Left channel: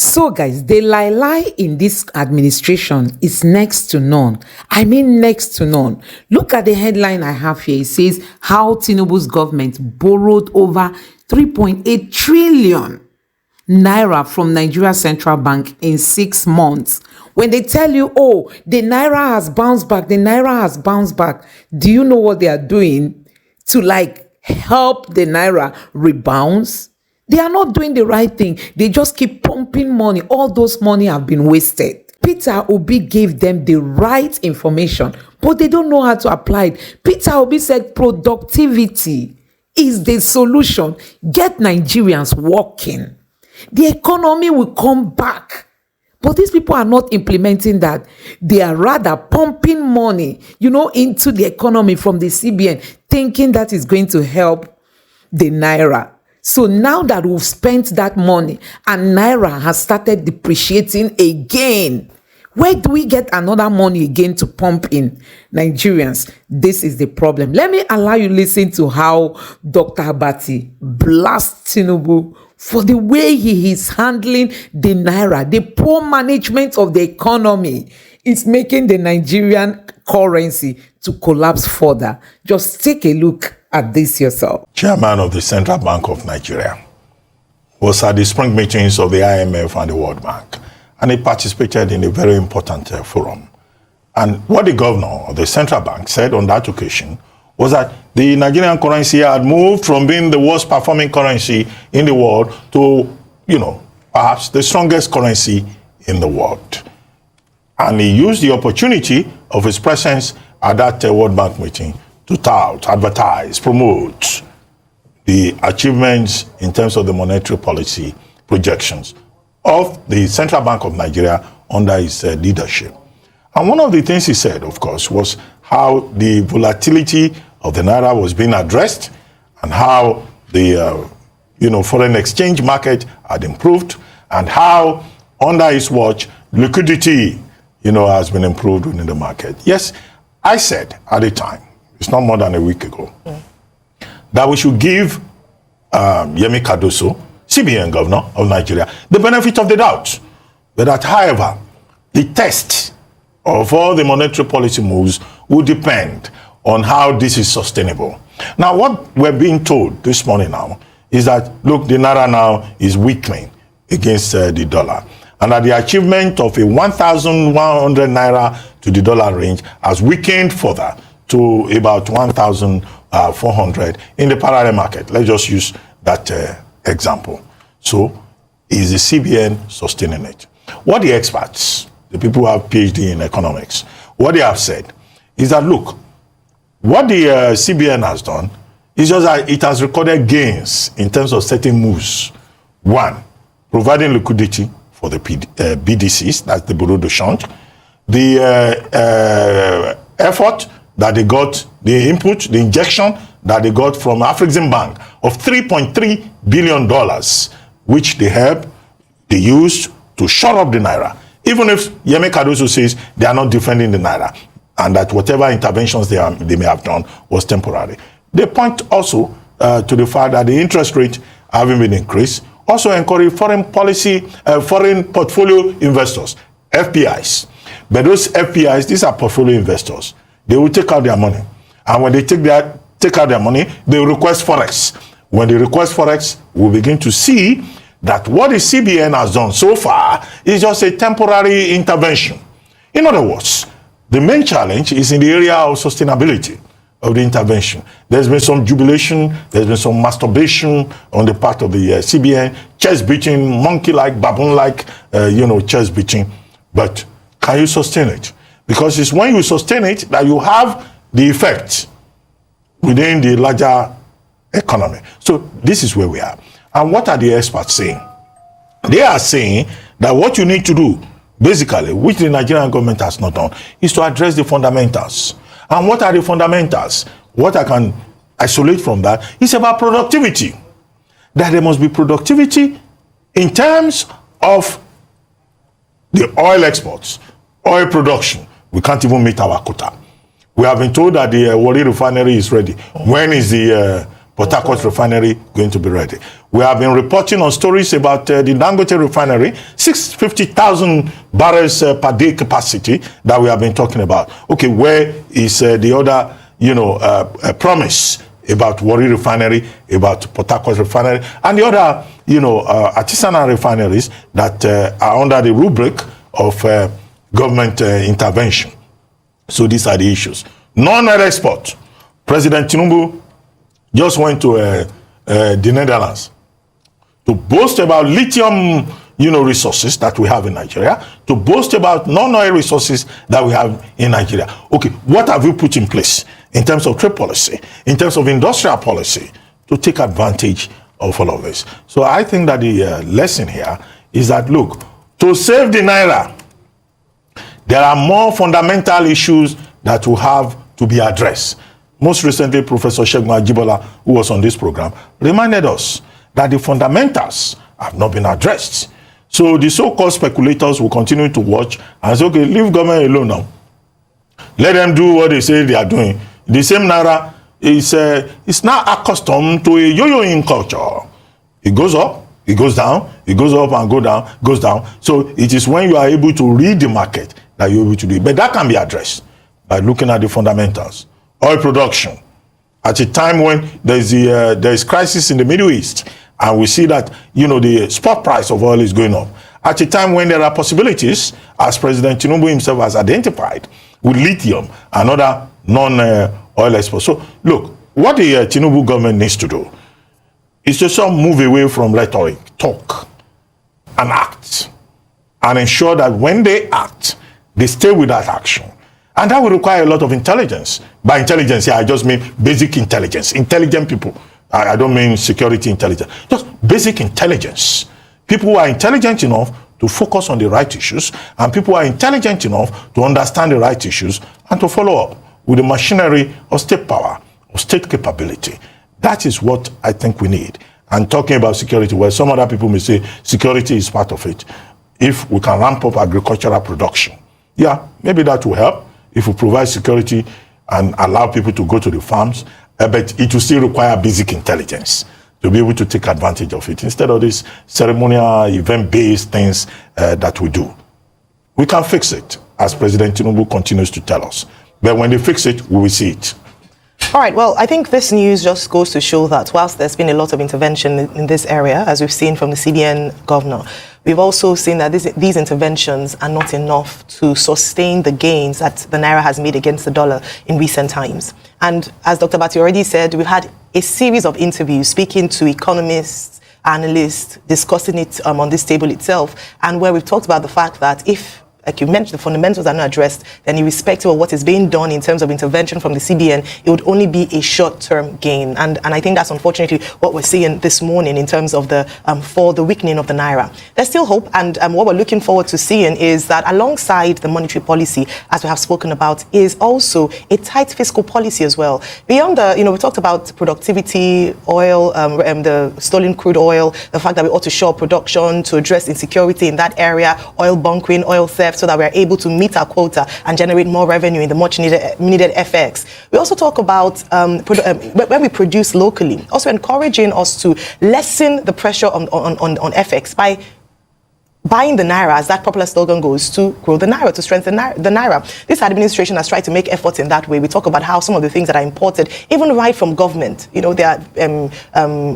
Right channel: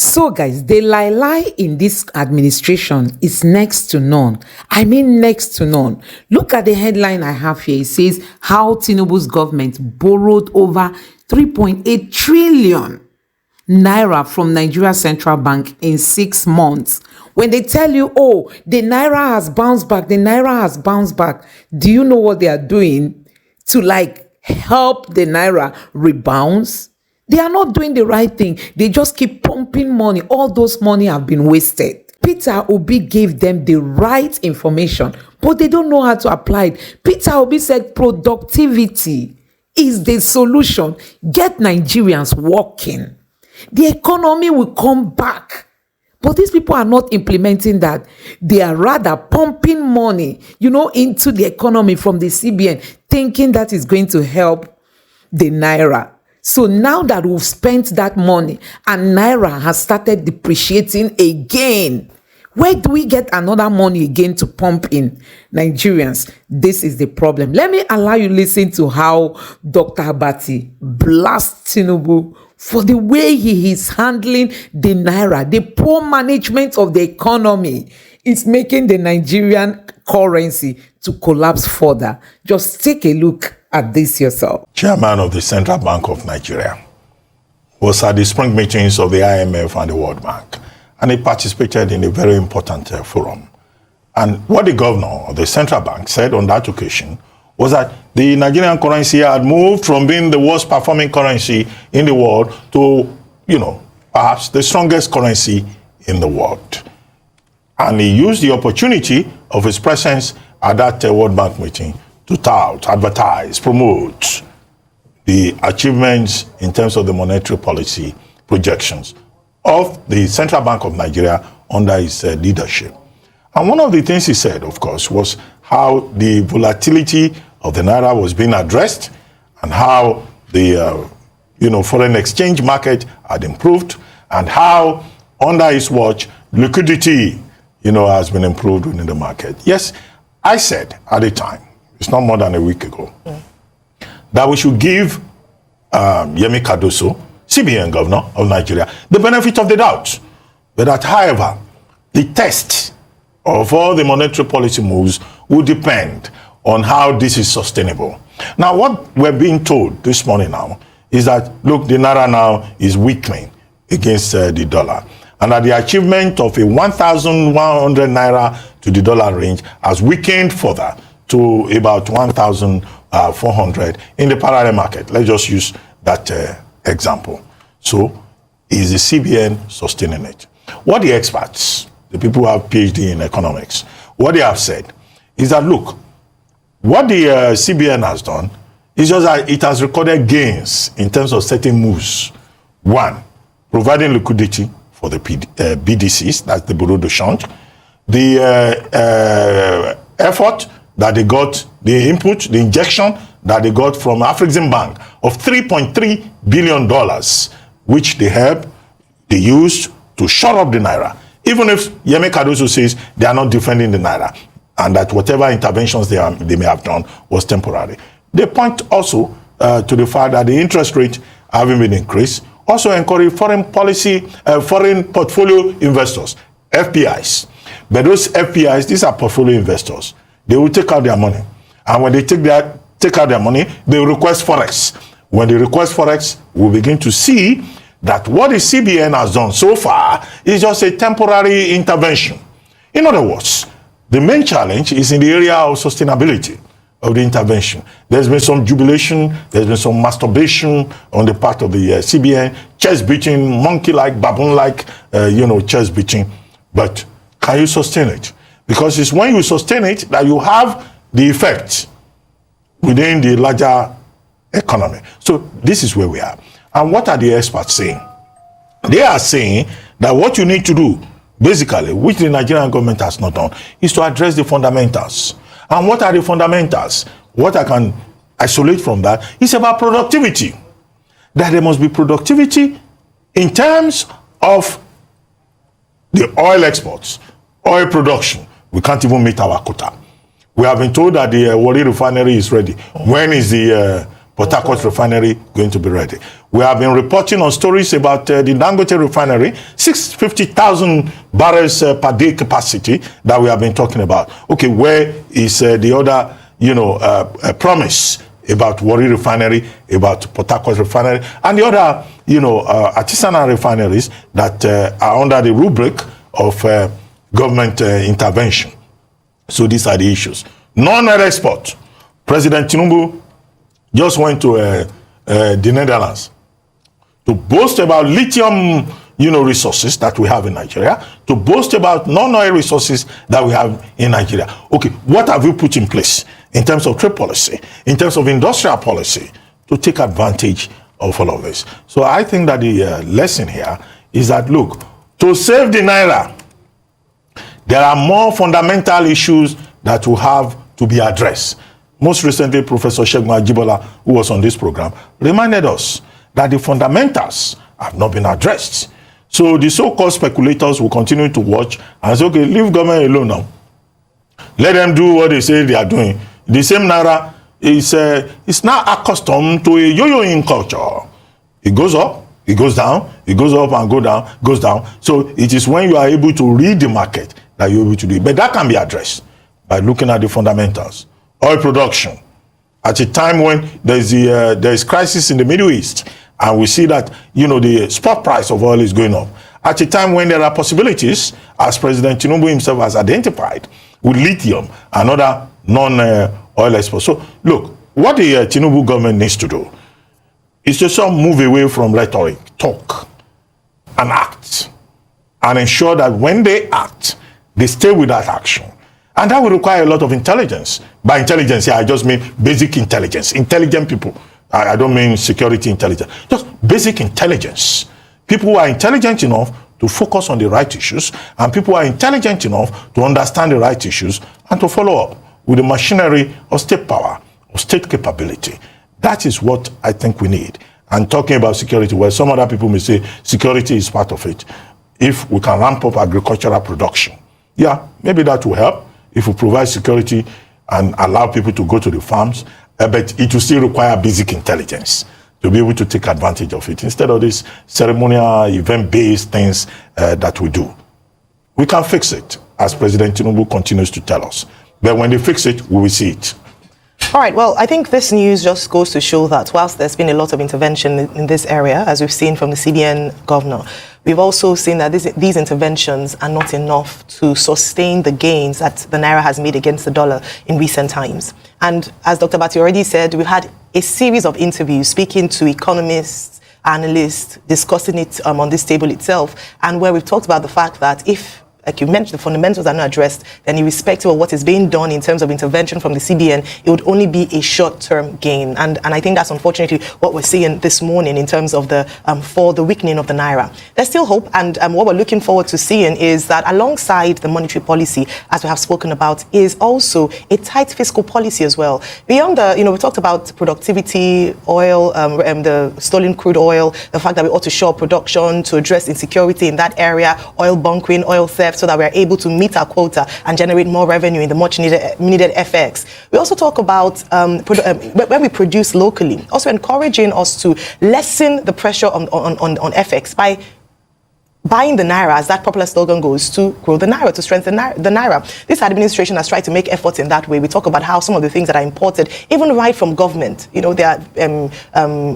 So, guys, the lie in this administration is next to none. I mean, next to none. Look at the headline I have here. It says how Tinubu's government borrowed over 3.8 trillion Naira from Nigeria Central Bank in 6 months. When they tell you, oh, the Naira has bounced back, the Naira has bounced back, do you know what they are doing to help the Naira rebounds? They are not doing the right thing. They just keep pumping money. All those money have been wasted. Peter Obi gave them the right information, but they don't know how to apply it. Peter Obi said productivity is the solution. Get Nigerians working. The economy will come back. But these people are not implementing that. They are rather pumping money, into the economy from the CBN, thinking that is going to help the Naira. So now that we've spent that money and Naira has started depreciating again, where do we get another money again to pump in Nigerians? This is the problem. Let me allow you listen to how Dr. Abatti blasts Tinubu for the way he is handling the Naira. The poor management of the economy is making the Nigerian currency to collapse further. Just take a look at this yourself. Chairman of the Central Bank of Nigeria was at the spring meetings of the IMF and the World Bank, and he participated in a very important forum. And what the governor of the central bank said on that occasion was that the Nigerian currency had moved from being the worst performing currency in the world to, perhaps the strongest currency in the world. And he used the opportunity of his presence at that World Bank meeting to tout, advertise, promote the achievements in terms of the monetary policy projections of the Central Bank of Nigeria under his leadership. And one of the things he said, of course, was how the volatility of the Naira was being addressed and how the foreign exchange market had improved and how under his watch liquidity has been improved in the market. Yes, I said at the time, it's not more than a week ago, that we should give Cbn Govnor of Nigeria the benefit of the doubt. But that, however, the test of all the monetary policy moves will depend on how this is sustainable. Now, what we're being told this morning now is that, look, the Naira now is weakening against the dollar. And that the achievement of a 1,100 Naira to the dollar range has weakened further to about 1,400 in the parallel market. Let's just use that example. So, is the CBN sustaining it? What the experts, the people who have PhD in economics, what they have said is that, look, what the CBN has done is just that it has recorded gains in terms of certain moves. One, providing liquidity for the BDCs, that's the Bureau de Change. The effort that they got, the input, the injection that they got from Afrexim Bank of $3.3 billion, which they used to shore up the Naira. Even if Yemi Cardoso says they are not defending the Naira and that whatever interventions they may have done was temporary. They point also to the fact that the interest rate having been increased also encourage foreign portfolio investors, FPIs. But those FPIs, these are portfolio investors. They will take out their money. And when they take out their money, they request Forex. When they request Forex, we'll begin to see that what the CBN has done so far is just a temporary intervention. In other words, the main challenge is in the area of sustainability of the intervention. There's been some jubilation, there's been some masturbation on the part of the CBN, chest beating, monkey-like, baboon-like, chest beating. But can you sustain it? Because it's when you sustain it that you have the effect within the larger economy. So this is where we are. And what are the experts saying? They are saying that what you need to do, basically, which the Nigerian government has not done, is to address the fundamentals. And what are the fundamentals? What I can isolate from that is about productivity. That there must be productivity in terms of the oil exports, oil production. We can't even meet our quota. We have been told that the Warri refinery is ready. When is the Port Harcourt refinery going to be ready. We have been reporting on stories about the Dangote refinery, 650,000 barrels per day capacity that we have been talking about. Okay, where is the other, promise about Warri refinery, about Port Harcourt refinery, and the other, artisanal refineries that are under the rubric of government intervention? So these are the issues. Non-oil export. President Tinubu just went to the Netherlands to boast about lithium, resources that we have in Nigeria, to boast about non-oil resources that we have in Nigeria. Okay, what have you put in place in terms of trade policy, in terms of industrial policy, to take advantage of all of this? So I think that the lesson here is that, look, to save the Naira, there are more fundamental issues that will have to be addressed. Most recently, Professor Segun Ajibola, who was on this program, reminded us that the fundamentals have not been addressed. So the so-called speculators will continue to watch and say, okay, leave government alone now. Let them do what they say they are doing. The same Naira is now accustomed to a yo-yoing culture. It goes up, it goes down, it goes up and goes down. So it is when you are able to read the market that you're able to do it. But that can be addressed by looking at the fundamentals. Oil production. At a time when there is crisis in the Middle East, and we see that the spot price of oil is going up. At a time when there are possibilities, as President Tinubu himself has identified, with lithium and other non-oil exports. So look, what the Tinubu government needs to do is to move away from rhetoric, talk, and act, and ensure that when they act, they stay with that action. And that will require a lot of intelligence. By intelligence, I just mean basic intelligence, intelligent people. I don't mean security intelligence, just basic intelligence. People who are intelligent enough to focus on the right issues, and people who are intelligent enough to understand the right issues and to follow up with the machinery of state power, of state capability. That is what I think we need. I'm talking about security, where some other people may say security is part of it. If we can ramp up agricultural production, yeah, maybe that will help. If we provide security and allow people to go to the farms, but it will still require basic intelligence to be able to take advantage of it, instead of these ceremonial, event-based things that we do. We can fix it, as President Tinubu continues to tell us. But when they fix it, we will see it. All right, well, I think this news just goes to show that whilst there's been a lot of intervention in this area, as we've seen from the Cbn governor, we've also seen that these interventions are not enough to sustain the gains that the Naira has made against the dollar in recent times. And as Dr. Abatti already said, we had a series of interviews speaking to economists, analysts, discussing it on this table itself, and where we've talked about the fact that if, like you mentioned, the fundamentals are not addressed, then irrespective of what is being done in terms of intervention from the CBN, it would only be a short-term gain. And I think that's unfortunately what we're seeing this morning in terms of the for the weakening of the Naira. There's still hope, and what we're looking forward to seeing is that alongside the monetary policy, as we have spoken about, is also a tight fiscal policy as well. Beyond the, we talked about productivity, oil, the stolen crude oil, the fact that we ought to shore production to address insecurity in that area, oil bunkering, oil theft, so that we're able to meet our quota and generate more revenue in the much needed FX. We also talk about when we produce locally, also encouraging us to lessen the pressure on FX by buying the Naira, as that popular slogan goes, to grow the Naira, to strengthen the Naira. This administration has tried to make efforts in that way. We talk about how some of the things that are imported, even right from government, there are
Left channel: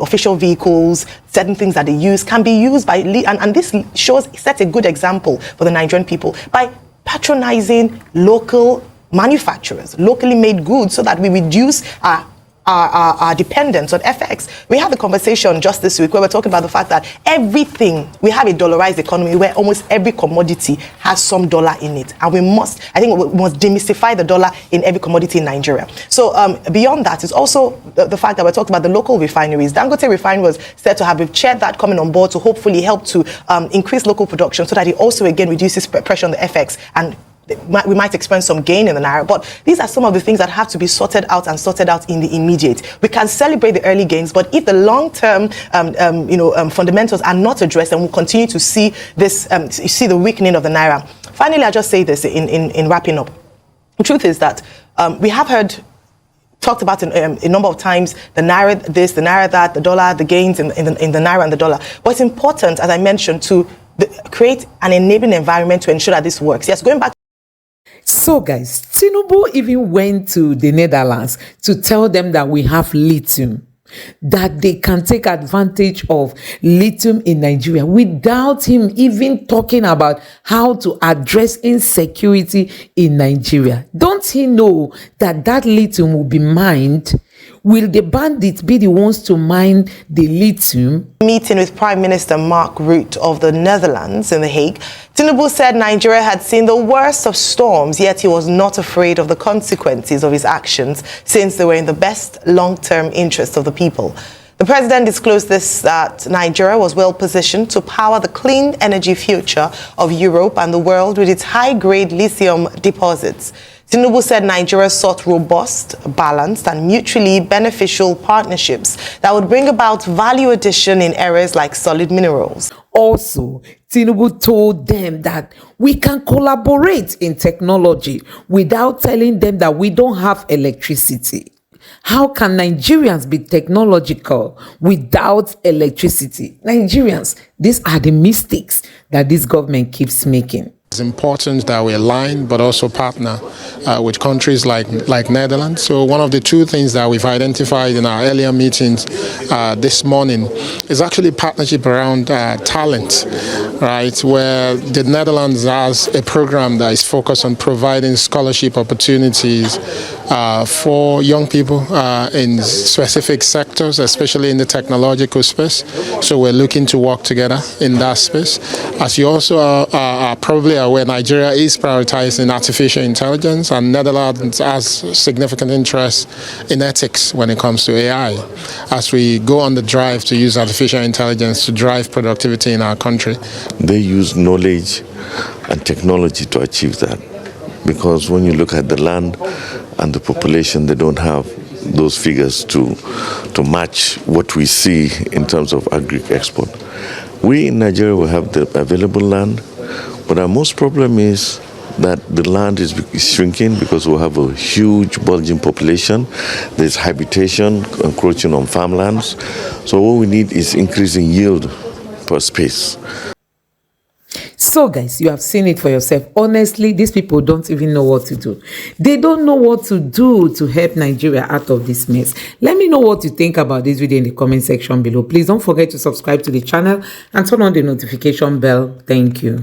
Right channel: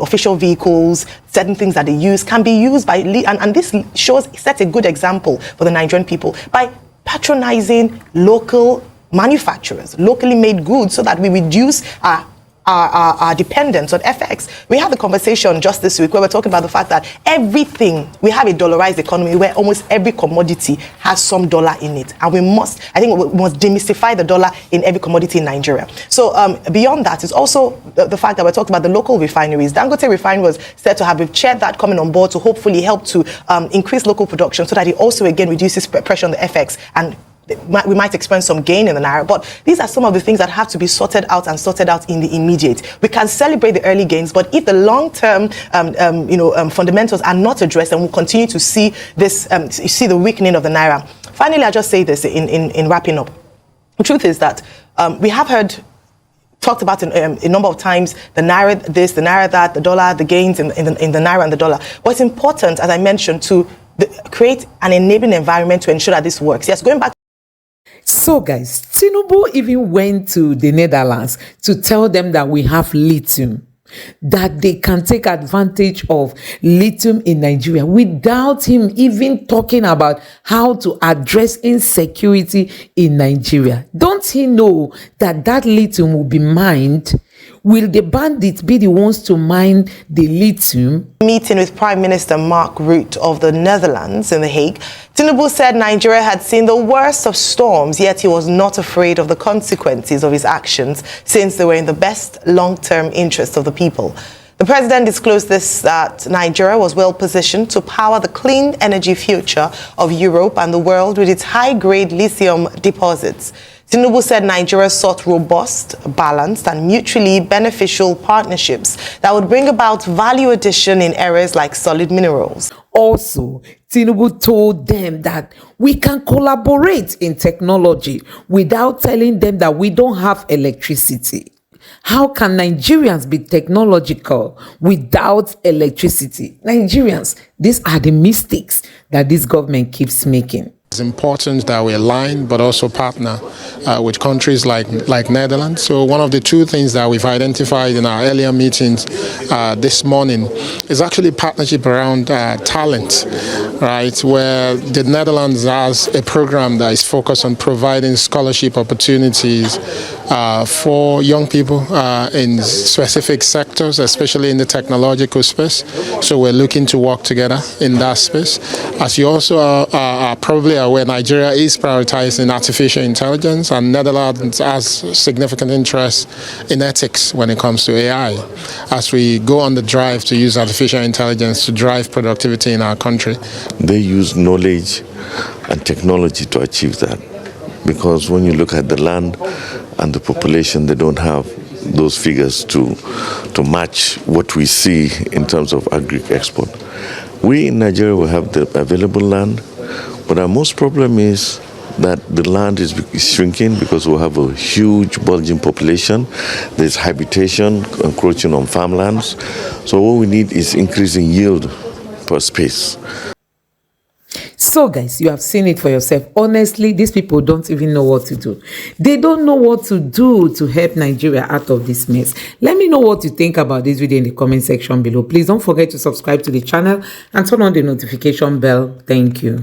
official vehicles, certain things that they use can be used by, and this shows such a good example for the Nigerian people, by patronizing local manufacturers, locally made goods, so that we reduce our dependence on FX. We had the conversation just this week where we're talking about the fact that we have a dollarized economy where almost every commodity has some dollar in it. And we must demystify the dollar in every commodity in Nigeria. So beyond that is also the fact that we're talking about the local refineries. Dangote refinery was said to have been chaired that coming on board to hopefully help to increase local production, so that it also again reduces pressure on the FX, and we might experience some gain in the Naira, but these are some of the things that have to be sorted out in the immediate. We can celebrate the early gains, but if the long-term, fundamentals are not addressed, then we'll continue to see this, see the weakening of the Naira. Finally, I'll just say this in wrapping up. The truth is that we have heard talked about a number of times the Naira this, the Naira that, the dollar, the gains in the Naira and the dollar. But it's important, as I mentioned, to create an enabling environment to ensure that this works. Yes, going back. So guys, Tinubu even went to the Netherlands to tell them that we have lithium, that they can take advantage of lithium in Nigeria, without him even talking about how to address insecurity in Nigeria. Don't he know that that lithium will be mined? Will the bandits be the ones to mine the lithium? Meeting with Prime Minister Mark Rutte of the Netherlands in The Hague, Tinubu said Nigeria had seen the worst of storms, yet he was not afraid of the consequences of his actions, since they were in the best long-term interest of the people. The president disclosed this, that Nigeria was well positioned to power the clean energy future of Europe and the world with its high-grade lithium deposits. Tinubu said Nigeria sought robust, balanced, and mutually beneficial partnerships that would bring about value addition in areas like solid minerals. Also, Tinubu told them that we can collaborate in technology without telling them that we don't have electricity. How can Nigerians be technological without electricity? Nigerians, these are the mistakes that this government keeps making. It's important that we align but also partner with countries like Netherlands. So one of the two things that we've identified in our earlier meetings this morning is actually partnership around talent, right? Where the Netherlands has a program that is focused on providing scholarship opportunities for young people in specific sectors, especially in the technological space. So we're looking to work together in that space. As you also are probably aware, Nigeria is prioritizing artificial intelligence, and Netherlands has significant interest in ethics when it comes to AI, as we go on the drive to use artificial intelligence to drive productivity in our country. They use knowledge and technology to achieve that, because when you look at the land and the population, they don't have those figures to match what we see in terms of agri-export. We in Nigeria will have the available land, but our most problem is that the land is shrinking because we have a huge bulging population. There's habitation encroaching on farmlands. So what we need is increasing yield per space. So guys, you have seen it for yourself. Honestly, these people don't even know what to do. They don't know what to do to help Nigeria out of this mess. Let me know what you think about this video in the comment section below. Please don't forget to subscribe to the channel and turn on the notification bell. Thank you.